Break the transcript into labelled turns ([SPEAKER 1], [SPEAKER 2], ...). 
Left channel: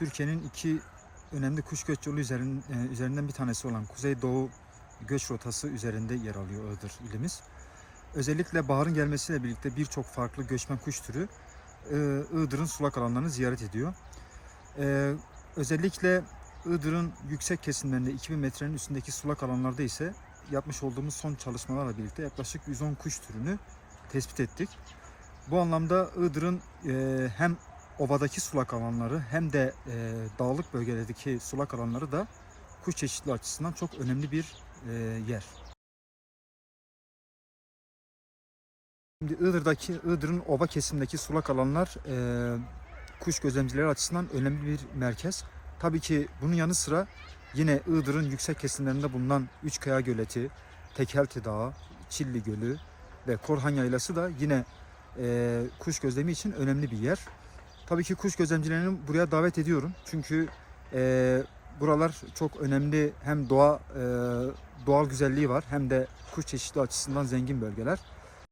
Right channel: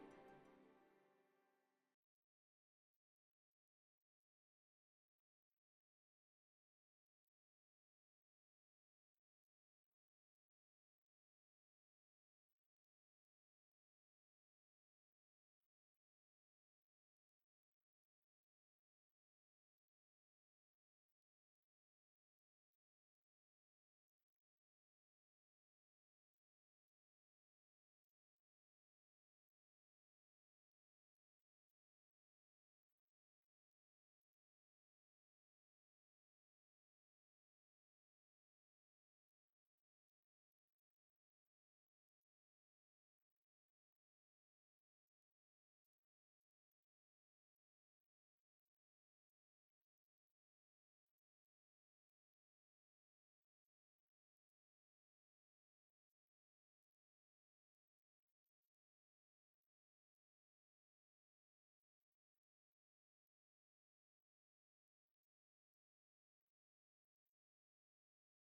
[SPEAKER 1] Türkiye'nin iki önemli kuş göç yolu üzerin- e, üzerinden bir tanesi olan Kuzeydoğu göç rotası üzerinde yer alıyor Iğdır ilimiz. Özellikle baharın gelmesiyle birlikte birçok farklı göçmen kuş türü e, Iğdır'ın sulak alanlarını ziyaret ediyor. E, özellikle Iğdır'ın yüksek kesimlerinde 2000 metrenin üstündeki sulak alanlarda ise yapmış olduğumuz son çalışmalarla birlikte yaklaşık 110 kuş türünü tespit ettik. Bu anlamda Iğdır'ın e, hem ovadaki sulak alanları hem de e, dağlık bölgelerdeki sulak alanları da kuş çeşitliliği açısından çok önemli bir e, yer. Şimdi Iğdır'daki Iğdır'ın ova kesimindeki sulak alanlar e, kuş gözlemcileri açısından önemli bir merkez. Tabii ki bunun yanı sıra yine Iğdır'ın yüksek kesimlerinde bulunan Üçkaya Göleti, Tekelti Dağı, Çilli Gölü ve Korhan Yaylası da yine e, kuş gözlemi için önemli bir yer. Tabii ki kuş gözlemcilerini buraya davet ediyorum. Çünkü e, buralar çok önemli hem doğa e, doğal güzelliği var hem de kuş çeşitliliği açısından zengin bölgeler.